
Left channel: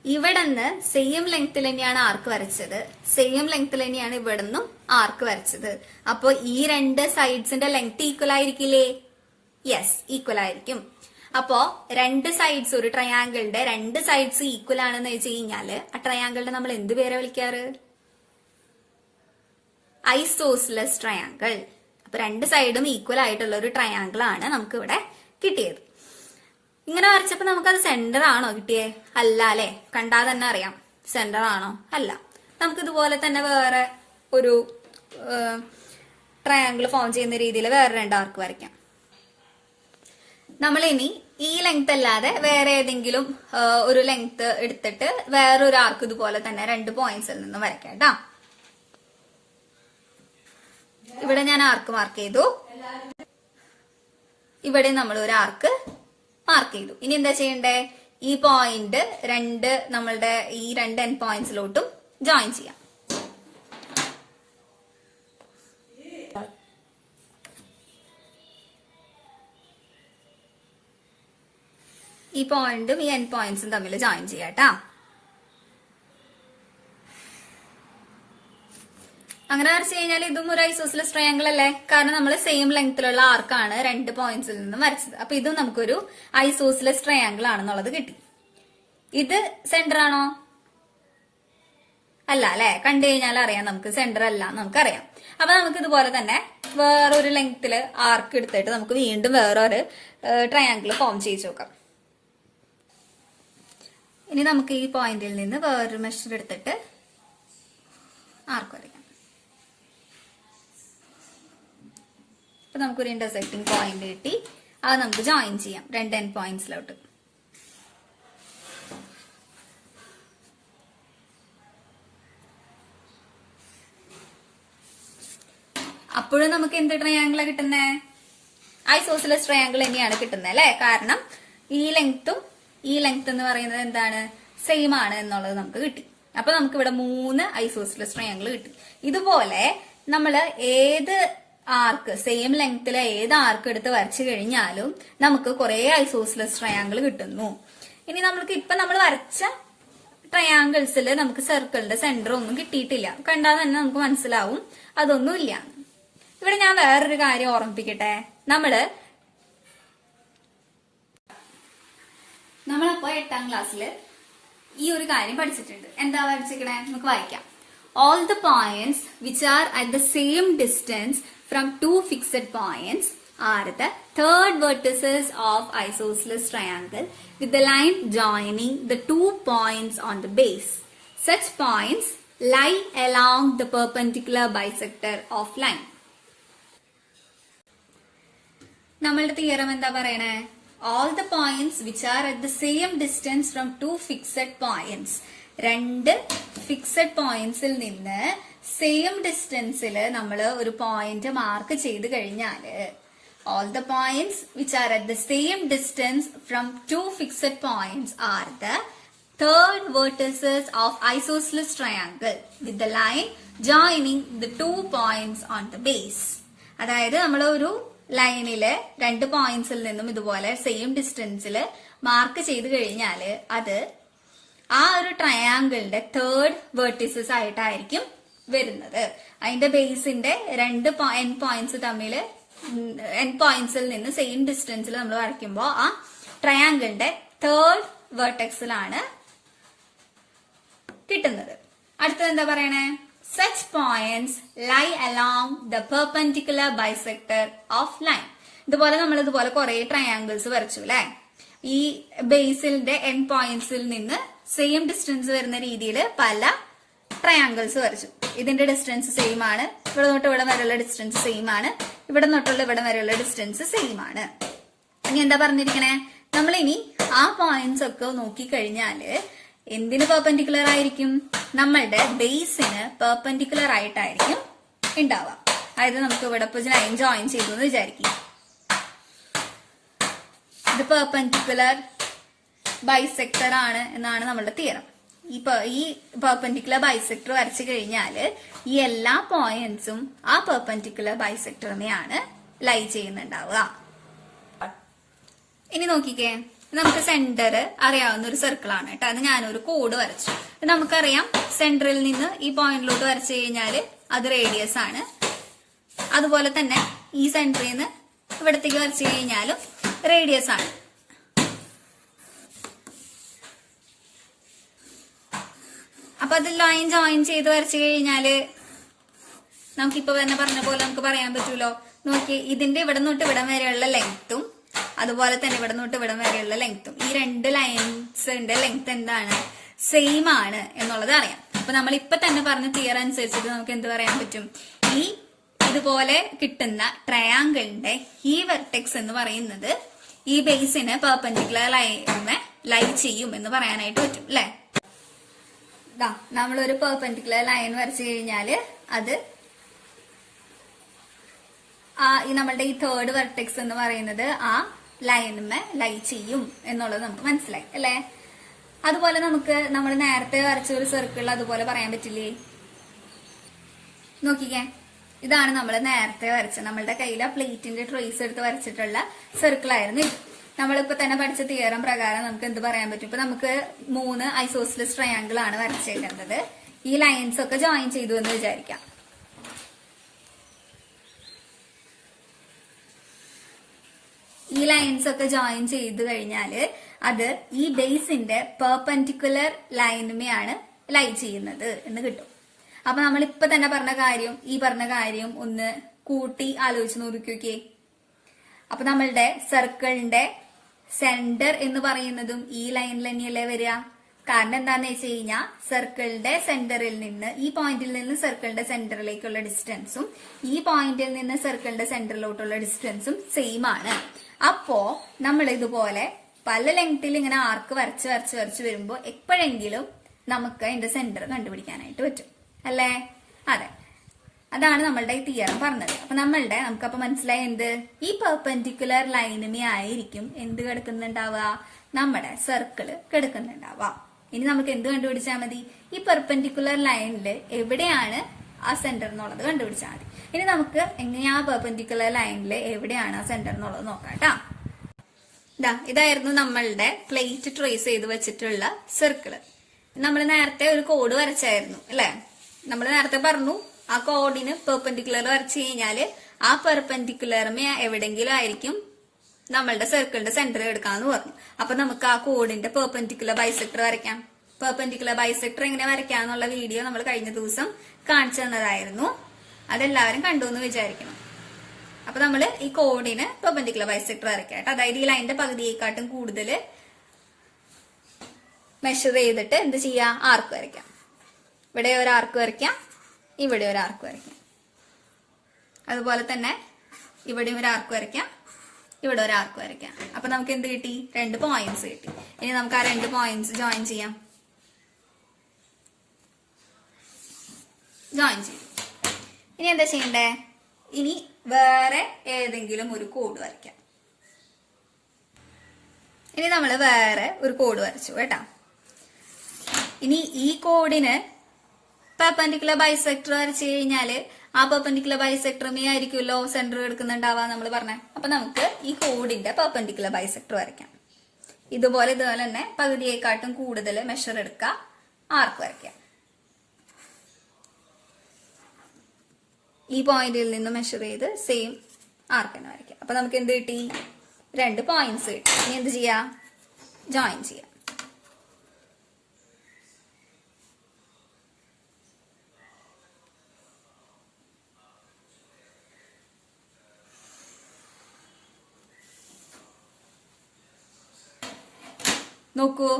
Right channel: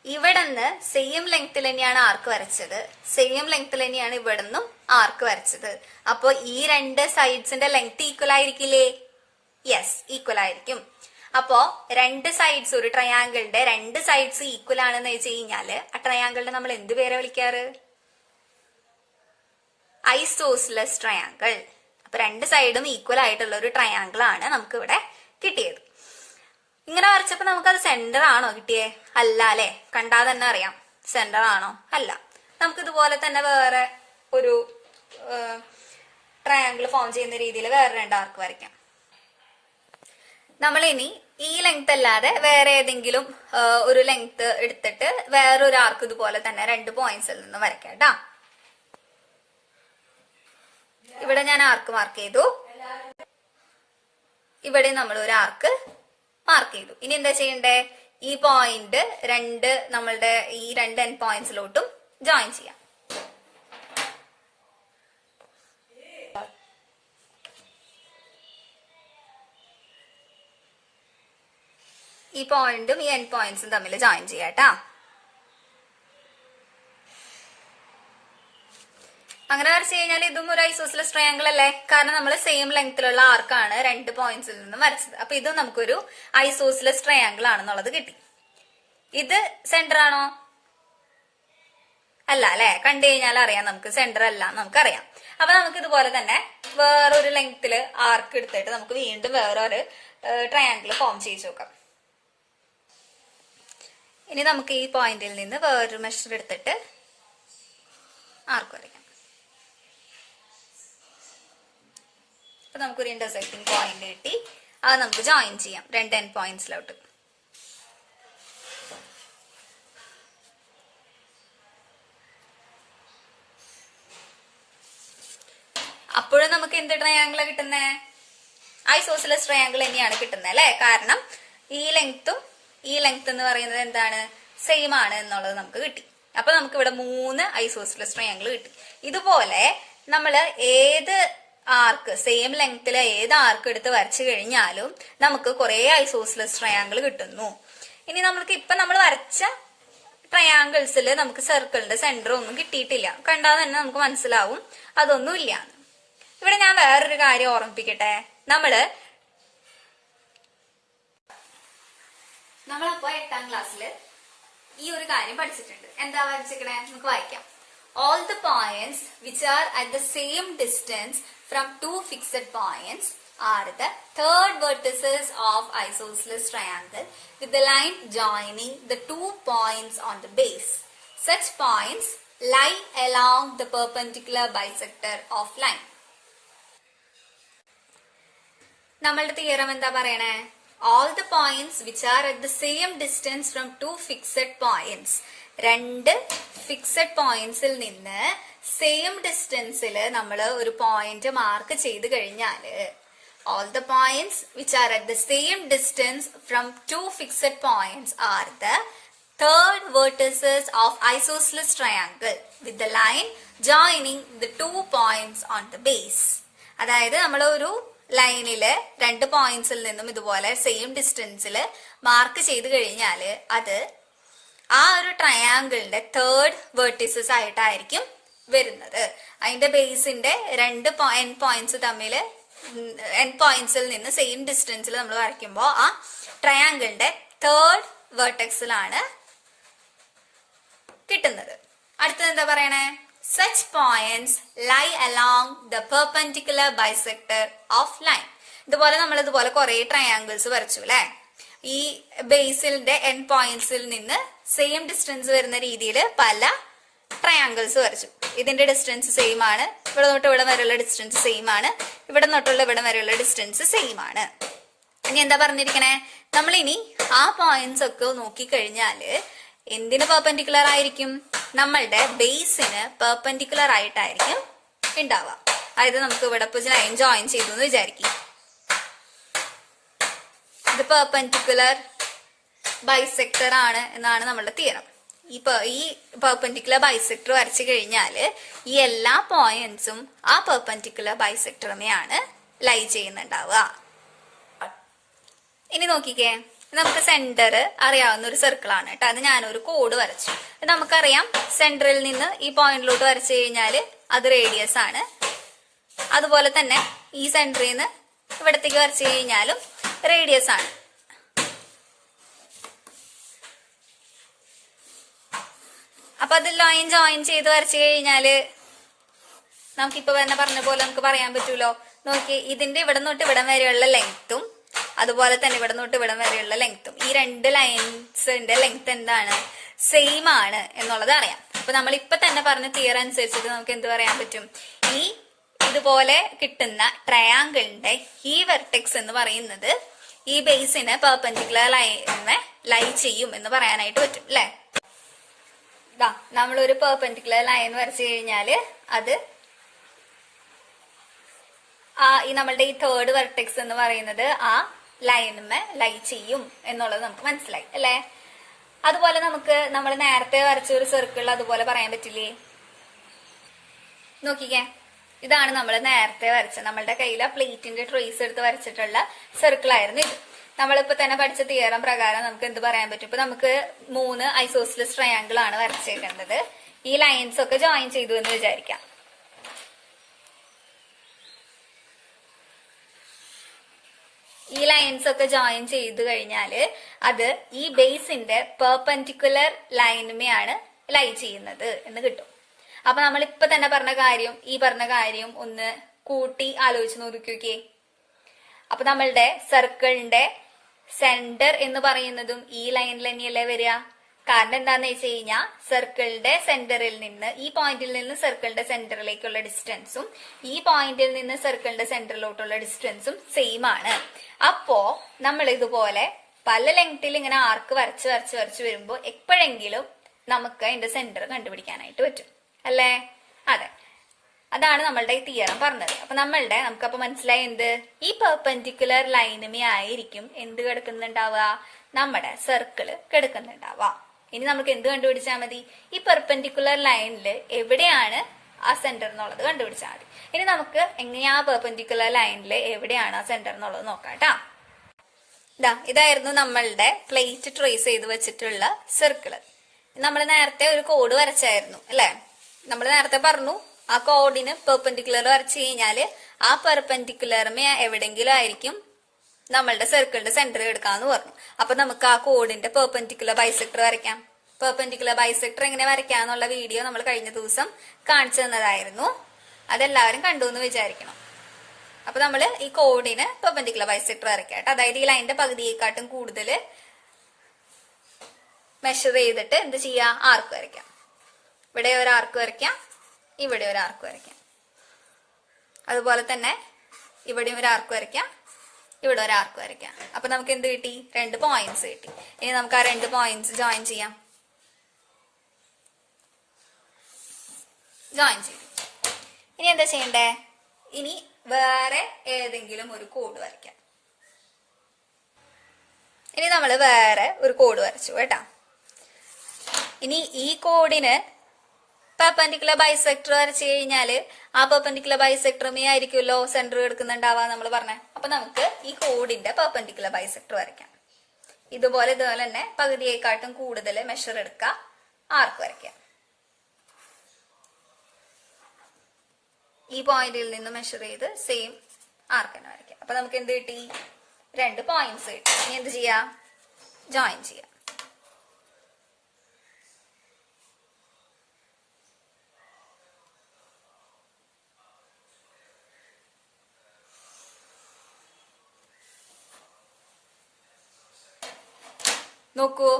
ഇവിടെ നിന്ന് സെയിം ലെങ്ത്തിൽ തന്നെയാണ് ആർക്ക് വരച്ചത്, സെയിം ലെങ്ത്തിൽ തന്നെയാണ് ഇവിടെ നിന്നും ആർക്ക് വരച്ചത്. അപ്പൊ ഈ 2 സൈഡ്സിന്റെ ലെങ്ത് ഈക്വൽ ആയിരിക്കില്ലേ? യെസ്, ഈക്വൽ ആയിരിക്കും. അപ്പോ 2 സൈഡ്സ്, ഒരു ട്രയാങ്കിളിന്റെ 2 സൈഡ്സ് ഈക്വൽ ആണെന്ന് വെച്ച് കഴിഞ്ഞാല് ആ ട്രയാങ്കിളിനെ നമ്മൾ എന്ത് പേരെ വിളിക്കാറ്? Isosceles triangle. അപ്പൊ 2 സൈഡും ഈക്വൽ ആയിട്ടുള്ള ഒരു ട്രയാങ്കിൾ ആണ് നമുക്ക് ഇവിടെ കിട്ടിയത്. ഇങ്ങനെ വരച്ചപ്പോ നമുക്കത് സെന്റർ ആണോ കിട്ടിയേ? അല്ല അല്ലെ? കണ്ടാൽ തന്നെ അറിയാം സെന്റർ ആണോ? അല്ല. നമുക്ക് ഇതുപോലെ തന്നെ വേറെ ഒരു ട്രയാങ്കിൾ ഫോം ചെയ്യുന്ന രീതിയിൽ വേറെ 2 ആർക്ക് വരയ്ക്കാം. നമ്മൾ ഇനി ഈ ലെങ്ത് അല്ലാതെ വേറെ ഏതെങ്കിലും ഒരു ലെങ്ത് എടുത്തിട്ട് വേറൊരു ആർക്ക് ഇതുപോലെ തന്നെ 2 പോയിന്റ്സിൽ നിന്ന് വരയ്ക്കാം കേട്ടാ. ഇവിടെ ഞാൻ ആർക്ക് മാർക്ക് ചെയ്തു, ഇവിടെ നമ്മൾ ഒരു ആർക്ക് മാർക്ക് ചെയ്തു. ഇനി എന്താ ചെയ്യണ്ടേ? ഈ പോയിന്റ് 2 നമ്മളുടെ ഈ 2 എൻഡ് പോയിന്റ്സിലോട്ടും ജോയിൻ ചെയ്യാം. ഈ പോയിന്റും ഈ എൻഡ് പോയിന്റ്സും തമ്മിൽ ജോയിൻ ചെയ്യാട്ടാ. അങ്ങനെ വരച്ചു കഴിഞ്ഞാൽ ഇതും ഒരു ഐസോസിലസ് ട്രയാങ്കിൾ അല്ലേ? കാരണം നമ്മൾ സെയിം ലെങ്ത്തിലുള്ള ആർക്കാണ് 2 പോയിന്റ്സിൽ നിന്ന് വരച്ചത്. അപ്പൊ ഇത് നമുക്കൊരു ഐസോസിലസ് ട്രയാങ്കിൾ ആണെന്നുള്ളത് കിട്ടി. ഇത് സെന്റർ ആണോ? അല്ല അല്ലെ? കണ്ടു കഴിഞ്ഞാൽ അറിയാം നമുക്ക് സെന്റർ അല്ല, നമുക്കറിയാം. അപ്പൊ നമുക്ക് ഇതുപോലെ തന്നെ വേറൊരു ലെങ്ത്തില് ആർക്ക് എടുത്തിട്ട് നമുക്ക് വീണ്ടും വേറൊരു ട്രയാങ്കിൾ ഫോം ചെയ്ത് നോക്കാം. ഇനി നമുക്ക് ഈ പോയിന്റിൽ നിന്ന് വേറൊരു മെഷർ എടുത്തിട്ട് ആർക്ക് വരയ്ക്കാം. അപ്പൊ നമുക്കൊരു ഇന്റർസെക്ടിങ് പോയിന്റ് കിട്ടി. അത് നമുക്ക് ജോയിൻ ചെയ്യാം 2 എൻഡ് പോയിന്റ്സിലോട്ട്. അപ്പോഴും നമുക്ക് എന്ത് ട്രയാങ്കിളാ കിട്ടുന്നേ? ഐസോസിലസ് ട്രയാങ്കിൾ തന്നെയാണ് കിട്ടുന്നത് അല്ലെ? കാരണം ഈ ലെങ്ത്തും ഈ ലെങ്ത് എന്ന് പറയുന്നത് എന്താണ്? സെയിം ആണ് എന്നുള്ളത് നമുക്ക് കിട്ടി. അപ്പൊ നമുക്ക് ഇവിടെ 3 ഐസോസിലസ് ട്രയാങ്കിൾ കിട്ടി. ഇതുപോലെ നമ്മള് ഏത് ആർക്ക്, സെയിം ലെങ്ത്തിലെ ഏത് ആർക്ക് എടുത്ത് വരച്ചു കഴിഞ്ഞാലും നമുക്ക് കുറെ ഐസോസിലസ് ട്രയാങ്കിൾ കിട്ടുന്നു. ഇനി നമ്മൾക്ക് ഇപ്പൊ നമ്മൾ വരച്ച ട്രയാങ്കിൾസിൽ നമുക്ക് സർക്കിളിന്റെ സെന്റർ ഒന്നും കിട്ടിയിട്ടില്ല. കണ്ടാൽ തന്നെ നമുക്ക് മനസ്സിലാവും അതൊന്നും ഇല്ല. ഇവിടെ ഞാൻ വേറൊരു കാര്യം ഓർമ്മിപ്പിക്കട്ടെ. നമ്മളപ്പോ 8ാം ക്ലാസ്സിൽ ഈ ഒരു കാര്യം പഠിച്ചിട്ടുണ്ട്. എന്താ പഠിച്ചിരിക്കണേ? നമുക്ക് വായിക്കാം. All the points which are at the same distance from 2 fixed points are the third vertices of isosceles triangle with the line joining the 2 points on the base. Such points lie along the perpendicular bisector of line. നമ്മളുടെ theorem എന്താ പറയണേ? All the points which are at the same distance from two fixed points. രണ്ട് fixed പോയിന്റ്സിൽ നിന്ന് same ഡിസ്റ്റൻസിൽ നമ്മൾ ഒരു point mark ചെയ്ത് കഴിഞ്ഞാല് all the points which are at the same distance from two fixed points are the third vertices of isosceles triangle with the line joining the 2 points on the base. അതായത് നമ്മൾ ഒരു ലൈനില് രണ്ട് പോയിന്റ്സിൽ നിന്നും ഇതുപോലെ same ഡിസ്റ്റൻസിൽ mark ചെയ്ത് കഴിഞ്ഞാല് അത് ആ ഒരു ട്രയാങ്കിളിന്റെ തേർഡ് വെർട്ടിസസ് ആയിട്ടായിരിക്കും വരുന്നത്. അതിന്റെ ബേസിന്റെ രണ്ട് എൻഡ് പോയിന്റ്സ് തമ്മിൽ എൻഡ് പോയിന്റ്സിൽ നിന്ന് സെയിം ഡിസ്റ്റൻസിൽ നമ്മൾ വരയ്ക്കുമ്പോൾ ആ ട്രയാങ്കിളിന്റെ തേർഡ് വെർട്ടെക്സിലാണ് കിട്ടുന്നത്. അടുത്തത് എന്താ പറയണേ? Such points lie along the perpendicular bisector of line. ഇതുപോലെ നമ്മൾ ഇതുപോലെ കുറെ ട്രയാങ്കിൾസ് വരച്ചു അല്ലെ. ഈ ബേസിന്റെ എൻഡ് പോയിന്റ്സിൽ നിന്ന് സെയിം ഡിസ്റ്റൻസ് വരുന്ന രീതിയിൽ പല ട്രയാങ്കിൾസ് വരച്ചു. ഇതിന്റെ ഡിസ്റ്റൻസ് സെയിം ആണ്, ഇവിടെ തൊട്ട് ഇവിടെ വരെയുള്ള ഡിസ്റ്റൻസ് സെയിം ആണ്, ഇവിടെ തൊട്ടുള്ള ഇവിടെ വരെയുള്ള ഡിസ്റ്റൻസ് സെയിം ആണ്. ഇനി എന്താ പറഞ്ഞിരിക്കണേ? നമ്മളിനി ആ പോയിന്റ്സ് ഒക്കെ നോക്കിക്കഴിഞ്ഞാല് എന്തിന് പെർപെൻഡിക്കുലർ ആയിരിക്കും? നമ്മളുടെ ബേസിന് പെർപെൻഡിക്കുലർ ആയിട്ടായിരിക്കും ഉണ്ടാവുക. അതായത് നമുക്ക് ഇവിടെ ലൈൻ ജോയിൻ ചെയ്തു എന്ന് വിചാരിക്കും. ഇത് പെർപെൻഡിക്കുലർ ബൈസെക്ടർ ആണ് എന്നാണ് നമ്മളുടെ തിയറം. ഈ പെർപെൻഡിക്കുലർ ബൈസെക്ടർ വരച്ചു കഴിഞ്ഞാല് ഈ എല്ലാ പോയിന്റ്സും ആ പെർപെൻഡിക്കുലർ ബൈസെക്ടറിനെയാണ് ലൈ ചെയ്യുന്നുണ്ടാവുക. ഇനി നോക്കിക്കേ, നമുക്ക് സെന്റർ അറിയാവുന്ന ഒരു സർക്കിൾ ആണ് കേട്ടോ. അത് ഞാനൊരു കോഡ് വരച്ചു. നമുക്കറിയാം സെന്ററിൽ നിന്ന് ഈ പോയിന്റിലോട്ട് വരച്ചു കഴിഞ്ഞാല് അത് റേഡിയസ് ആണ്. അതുപോലെ തന്നെ ഈ സെന്ററിൽ നിന്ന് ഇവിടത്തേക്ക് വരച്ചു കഴിഞ്ഞാലും റേഡിയസ് ആണ്. അപ്പൊ അത് ലൈൻ ജോയിൻ ചെയ്ത് വരച്ചു കഴിഞ്ഞാല് നമുക്കിപ്പോ തന്നെ പറഞ്ഞ പോലെ നമുക്ക് പറയാൻ പറ്റൂലോ. നോക്കി, ഇതിന്റെ ഇവിടെ തൊട്ട് ഇവിടം വരെയുള്ള ലെങ്ത്തും അതുപോലെ തന്നെ ഇവിടെ തൊട്ട് ഇവിടം വരെയുള്ള ലെങ്ത്തും, ഈ രണ്ട് ലൈൻസിന്റെ ലെങ്ത് എന്താണ്? സെയിം ആണ് എന്നുള്ളത് അറിയാം. അപ്പൊ നമ്മൾ ഇപ്പൊ തന്നെ പറഞ്ഞ തിയർ അനുസരിച്ചിട്ട് നമുക്ക് എന്ത് പറയാൻ പറ്റും? ഈ ഇതുപോലെ കിട്ടുന്ന ട്രയാങ്കിളിന്റെ ഈ വെർട്ടെക്സ് എന്ന് പറയുന്നത് ഈ ബേസിന് പെർപെൻഡിക്കുലർ ലൈനെ ലൈ ചെയ്യും എന്ന് പറയാനായിട്ട് പറ്റും അല്ലെ. നമ്മളൊരു പെർപെൻഡിക്കുലർ ലൈൻ വരച്ചു കഴിഞ്ഞാല് അത് ഈ നമ്മളുടെ ഈ തേർഡ് വെർട്ടെക്സ് എന്ന് പറയുന്നത് ആ ലൈനുമേ ലൈ ചെയ്യും എന്നുള്ളത് നമുക്ക് മനസ്സിലായി അല്ലെ. അതുപോലെ നമുക്ക് നമ്മൾ നേരത്തെ വരച്ച ഒരു സർക്കിൾ അതുപോലെ പറയാൻ പറ്റില്ലേ? നോക്കിക്കേ, ഇതാണ് നമ്മൾ നേരത്തെ വരച്ച നമ്മളുടെ കയ്യിലെ പ്ലേറ്റിന്റെ ട്രേസ് എടുത്ത് വരച്ചിട്ടുള്ള സർക്കിൾ ആയിരുന്നു ഇത്. നമ്മളിപ്പോ തന്നെ പഠിച്ച തിയറം പ്രകാരം നമുക്ക് എന്ത് പറയാൻ പറ്റും? ഇപ്പൊ നമുക്ക് 3 ഐസോസിലസ് ട്രയാങ്കിൾ ആണ് വരച്ചേക്കേണ്ടത്. ഈ ലൈൻസ് ഒക്കെ ജോയിൻ ചെയ്തു എന്ന് വിചാരിക്കാം. ഈ ലൈൻസ് ഒക്കെ ജോയിൻ ചെയ്ത് കഴിഞ്ഞാല് അത് ഈ ബേസിന്റെ പെർപെൻഡിക്കുലർ ലൈനുമെയാണ് ലൈ ചെയ്യുന്നത് എന്ന് കിട്ടും. അപ്പൊ നമ്മൾ ഇപ്പൊ തന്നെ പറഞ്ഞ കാര്യം ഒന്ന് കൂട്ടി ആലോചിച്ച് നോക്കിക്കേ. അപ്പൊ നമ്മളുടെ സർക്കിളിന്റെ സെന്റർ എന്ന് പറയുന്നതും ഈ ലൈനിൽ തന്നെയല്ലേ വരിക. കാരണം എന്താന്ന് വെച്ച് കഴിഞ്ഞാൽ സർക്കിളിന്റെ സെന്ററിൽ നിന്ന് ഈ പോയിന്റിൽ നിന്ന് സർക്കിളിന്റെ സെന്ററിലേക്കുള്ള ഡിസ്റ്റൻസും ഈ പോയിന്റിൽ നിന്ന് സർക്കിളിന്റെ സെന്ററിലോട്ടുള്ള ഡിസ്റ്റൻസും സെയിം ആണ്. അപ്പോ നമ്മൾ ഇതുപോലെ പല ലെങ്ത്തിൽ ഇങ്ങനെ ആർക്ക് വരച്ച് വരുമ്പോ എപ്പോഴെങ്കിലും നമുക്ക് അതിന്റെ സെന്റർ കണ്ടുപിടിക്കാനായിട്ട് പറ്റും അല്ലേ. അതെ, അതാണ് നമ്മളുടെ ഈ തിയറം പറഞ്ഞത്. അപ്പൊ നമുക്കപ്പൊ മനസ്സിലായി എന്ത്? ഈ പെർപെൻഡിക്കുലർ ലൈനുമേ ആയിരിക്കും എന്ത് കിടക്കുന്നുണ്ടാവുക? നമ്മുടെ സർക്കിള് കിടക്കുന്നുണ്ടാവുക. ഇനി നമുക്ക് എന്ത് കണ്ടുപിടിച്ചാൽ മതി? ഈ പെർപെൻഡിക്കുലർ ലൈനിൽ എവിടെയാണ് ആ സെന്റർ എന്നുള്ളത് കണ്ടുപിടിച്ചാൽ മതി. ഇനി നമുക്ക് എങ്ങനെയാ പെർപെൻഡിക്കുലർ ലൈനിൽ എവിടെയാണ് ആ സെന്റർ എന്നുള്ളത് നോക്കാട്ടാ. ഇതായിരുന്നു നമ്മളുടെ പ്ലേറ്റ് ട്രേസ് ചെയ്ത് വെച്ചിട്ടുള്ള സർക്കിള്. നമ്മൾ നേരത്തെ ഒരു കോഡ് വരച്ചായിരുന്നു അല്ലെ. നമ്മൾ നേരത്തെ പറഞ്ഞു ആ കോഡിന് പെർപെൻഡിക്കുലർ വരച്ചു കഴിഞ്ഞാല് ആ പെർപെൻഡിക്കുലറിന് എവിടെങ്കിലും ആയിരിക്കും നമ്മളുടെ സർക്കിളിന്റെ സെന്റർ എടുക്കാന്ന് പറഞ്ഞു. അപ്പൊ നമുക്ക് ആ കോഡിന്റെ പെർപെൻഡിക്കുലർ ബൈസെക്ടർ വരയ്ക്കാം. പെർപെൻഡിക്കുലർ ബൈസെക്ടർ എങ്ങനെ വരയ്ക്കാന്നുള്ള വീഡിയോ നമ്മൾ കഴിഞ്ഞ ദിവസം കാണിച്ചു തന്നതായിരുന്നു. അതെല്ലാവരും കണ്ടു എന്ന് വിചാരിക്കണം. അപ്പൊ നമ്മൾ ഈ കോഡിന് പെർപെൻഡിക്കുലർ ബൈസെക്ടർ വരയ്ക്കാം. അതായത് ഈ ലൈനിന്റെ പകുതിയെക്കാട്ടും കൂടുതൽ മെഷർ ചെയ്തിട്ട് എന്ത് ചെയ്യാം, ആർക്ക് വരയ്ക്കാം. ഇവിടെ ഒരു ആർക്ക് വരയ്ക്കാം, ഇവിടെ ഒരു ആർക്ക് വരയ്ക്കാം. അതുപോലെ തന്നെ ഇവിടെയും ഒരു ആർക്ക് വരയ്ക്കാം, ഇവിടെ ഒരു ആർക്ക് വരയ്ക്കാം. അപ്പൊ നമുക്ക് എന്ത് കിട്ടി, 2 പോയിന്റ്സ് കിട്ടി. ഇനി നമുക്ക് ആ 2 പോയിന്റ്സ് ജോയിൻ ചെയ്യാം. ഇനി എന്താ ചെയ്യണ്ടേ, ഇനി വേറെ ഏതെങ്കിലും ഒരു കോഡ് വരയ്ക്കാം. ഇനി നമ്മൾ വേറെ ഒരു കോഡ് വരച്ചു കേട്ടാ. ഇനി ഈ കോഡിന് പെർപെൻഡിക്കുലർ ബൈസെക്ടർ വരച്ചു കഴിഞ്ഞാല് ആ പെർപെൻഡിക്കുലർ ബൈസെക്ടറുമേ ആയിരിക്കുമല്ലോ സെന്റർ എടുക്കുന്നുണ്ടാവാ നമ്മൾ പറഞ്ഞ. അപ്പൊ നമുക്ക് ഈ കോഡിന്റെ പെർപെൻഡിക്കുലർ ബൈസെക്ടർ വരയ്ക്കാം. ഇതുപോലെ തന്നെ പകുതിയെക്കാട്ടും കൂടുതൽ മെഷർ എടുക്കുക, ആർക്ക് വരയ്ക്കാം. ഈ പോയിന്റിൽ നിന്ന് മെഷർ ചെയ്ത് സെയിം ആർക്ക് തന്നെ വരയ്ക്കാം. അപ്പൊ നമുക്ക് എന്ത് കിട്ടി, 2 പോയിന്റ്സ് കിട്ടി. ഇനി എന്ത് ചെയ്യാം, ജോയിൻ ചെയ്യാം. നോക്കൂ,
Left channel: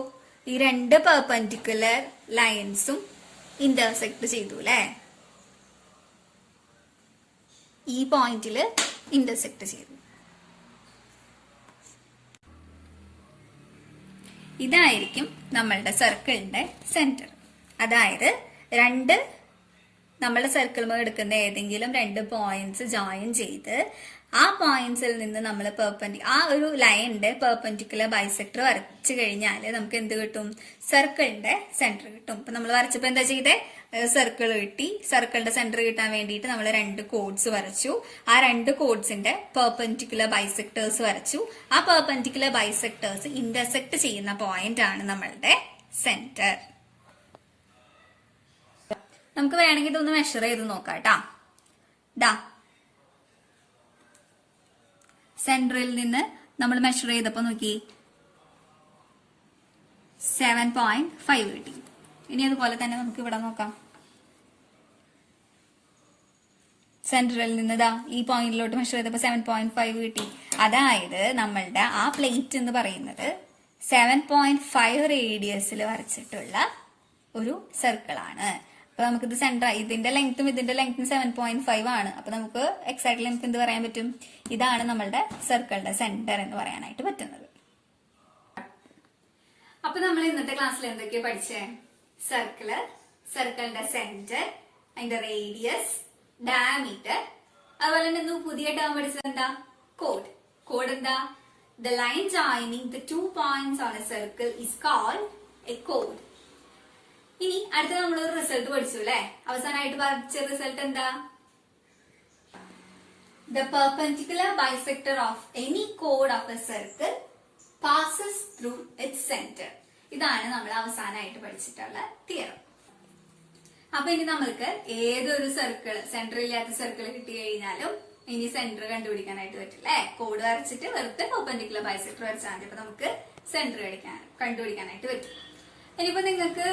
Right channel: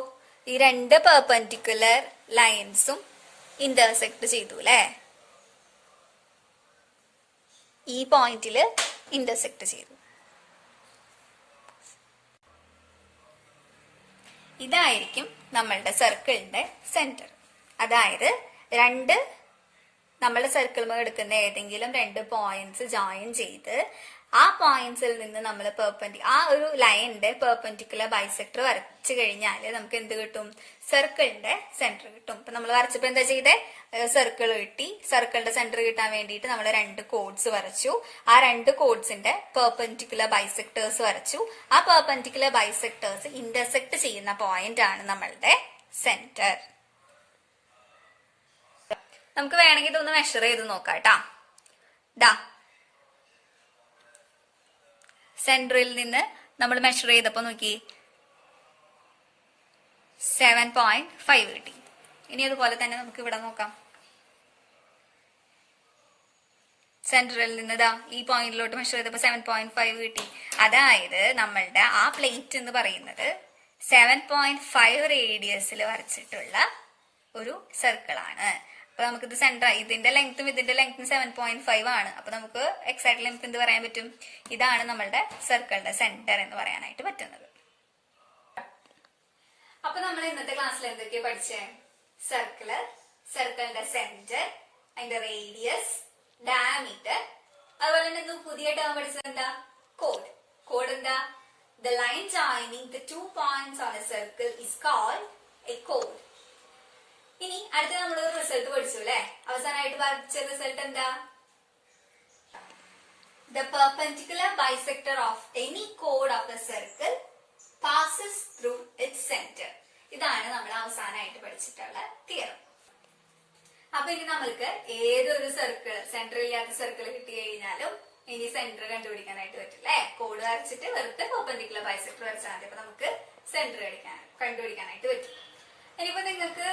ഈ 2 പെർപെൻഡിക്കുലർ ലൈൻസും ഇന്റർസെക്ട് ചെയ്തു അല്ലേ, ഈ പോയിന്റില് ഇന്റർസെക്ട് ചെയ്തു. ഇതായിരിക്കും നമ്മളുടെ സർക്കിളിന്റെ സെന്റർ. അതായത് നമ്മളുടെ സർക്കിൾ എടുക്കുന്ന ഏതെങ്കിലും 2 പോയിന്റ്സ് ജോയിൻ ചെയ്ത് ആ പോയിന്റ്സിൽ നിന്ന് നമ്മൾ ആ ഒരു ലൈനിന്റെ പെർപെൻഡിക്കുലർ ബൈസെക്ടർ വരച്ചു കഴിഞ്ഞാൽ നമുക്ക് എന്ത് കിട്ടും, സർക്കിളിന്റെ സെന്റർ കിട്ടും. ഇപ്പൊ നമ്മൾ വരച്ചപ്പോ എന്താ ചെയ്തേ, സർക്കിൾ കിട്ടി. സർക്കിളിന്റെ സെന്റർ കിട്ടാൻ വേണ്ടിയിട്ട് നമ്മൾ 2 കോഡ്സ് വരച്ചു. ആ 2 കോഡ്സിന്റെ പെർപെൻഡിക്കുലർ ബൈസെക്ടേഴ്സ് വരച്ചു. ആ പെർപെൻഡിക്കുലർ ബൈസെക്ടേഴ്സ് ഇന്റർസെക്ട് ചെയ്യുന്ന പോയിന്റ് ആണ് നമ്മളുടെ സെന്റർ. നമുക്ക് വേണമെങ്കിൽ ഇതൊന്ന് മെഷർ ചെയ്ത് നോക്കാം കേട്ടാ. സെന്ററിൽ നിന്ന് നമ്മൾ മെഷർ ചെയ്തപ്പോ നോക്കി 7.5 കിട്ടി. ഇനി അതുപോലെ തന്നെ നമുക്ക് ഇവിടെ നോക്കാം. സെന്ററിൽ നിന്ന് ഈ പോയിന്റിലോട്ട് മെഷർ ചെയ്തപ്പോ 7.5 കിട്ടി. അതായത് നമ്മളുടെ ആ പ്ലേറ്റ് എന്ന് പറയുന്നത് 7.5 റേഡിയസിൽ വരച്ചിട്ടുള്ള ഒരു സർക്കിൾ ആണ്. അപ്പൊ നമുക്കിത് സെന്റർ, ഇതിന്റെ ലെങ്ത്തും 7.5 ആണ്. അപ്പൊ നമുക്ക് എക്സാക്ട് ലെങ്ത് എന്ത് പറയാൻ പറ്റും, ഇതാണ് നമ്മളുടെ സർക്കിളിന്റെ സെന്റർ എന്ന് പറയാനായിട്ട് പറ്റുന്നത്. അപ്പൊ നമ്മൾ ഇന്നത്തെ ക്ലാസ്സിൽ എന്തൊക്കെയാ പഠിച്ചേ, സർക്കിളിന്റെ സെന്റർ, അതിന്റെ റേഡിയസ്, ഡയമീറ്റർ, അതുപോലെ തന്നെ പുതിയ ടേം പഠിച്ചത് എന്താ, കോഡ് എന്താ, the line joining the 2 points on a circle is called a chord. ഇനി അടുത്ത നമ്മളൊരു റിസൾട്ട് പഠിച്ചു അല്ലെ, അവസാനമായിട്ട് പഠിച്ച റിസൾട്ട് എന്താ, the perpendicular bisector of any chord of a circle passes through its center. ഇതാണ് നമ്മൾ അവസാനമായിട്ട് പഠിച്ചിട്ടുള്ള തിയറം. അപ്പൊ ഇനി നമ്മൾക്ക് ഏതൊരു സെന്റർ ഇല്ലാത്ത സർക്കിൾ കിട്ടി കഴിഞ്ഞാലും ഇനി സെന്റർ കണ്ടുപിടിക്കാനായിട്ട് പറ്റില്ലേ, കോഡ് വരച്ചിട്ട് വെറുതെ പെർപെൻഡിക്കുലർ ബൈസെക്ടർ വരച്ചാൽ മതി. അപ്പൊ നമുക്ക് സെന്റർ കണ്ടുപിടിക്കാനായിട്ട് പറ്റും. ഇനിയിപ്പോ നിങ്ങൾക്ക്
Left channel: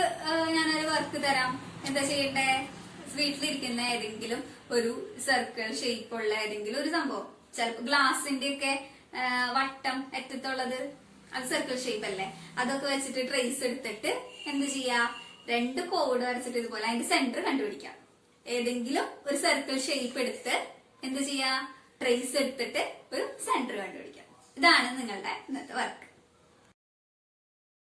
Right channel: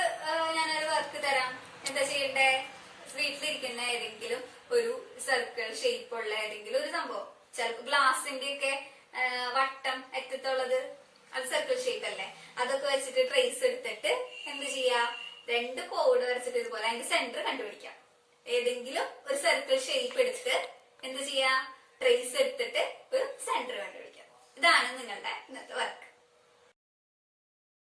ഞാനൊരു വർക്ക് തരാം. എന്താ ചെയ്യണ്ടേ, വീട്ടിലിരിക്കുന്ന ഏതെങ്കിലും ഒരു സർക്കിൾ ഷേപ്പുള്ള ഏതെങ്കിലും ഒരു സംഭവം, ചിലപ്പോ ഗ്ലാസിന്റെ ഒക്കെ വട്ടം അറ്റത്തുള്ളത്, അത് സർക്കിൾ ഷേപ്പ് അല്ലേ, അതൊക്കെ വെച്ചിട്ട് ട്രേസ് എടുത്തിട്ട് എന്ത് ചെയ്യാ, 2 കോഡ് വരച്ചിട്ട് ഇതുപോലെ അതിന്റെ സെന്റർ കണ്ടുപിടിക്കാം. ഏതെങ്കിലും ഒരു സർക്കിൾ ഷേപ്പ് എടുത്ത് എന്ത് ചെയ്യാ, ട്രേസ് എടുത്തിട്ട് ഒരു സെന്റർ കണ്ടുപിടിക്കാം. ഇതാണ് നിങ്ങളുടെ ഇന്നത്തെ വർക്ക്.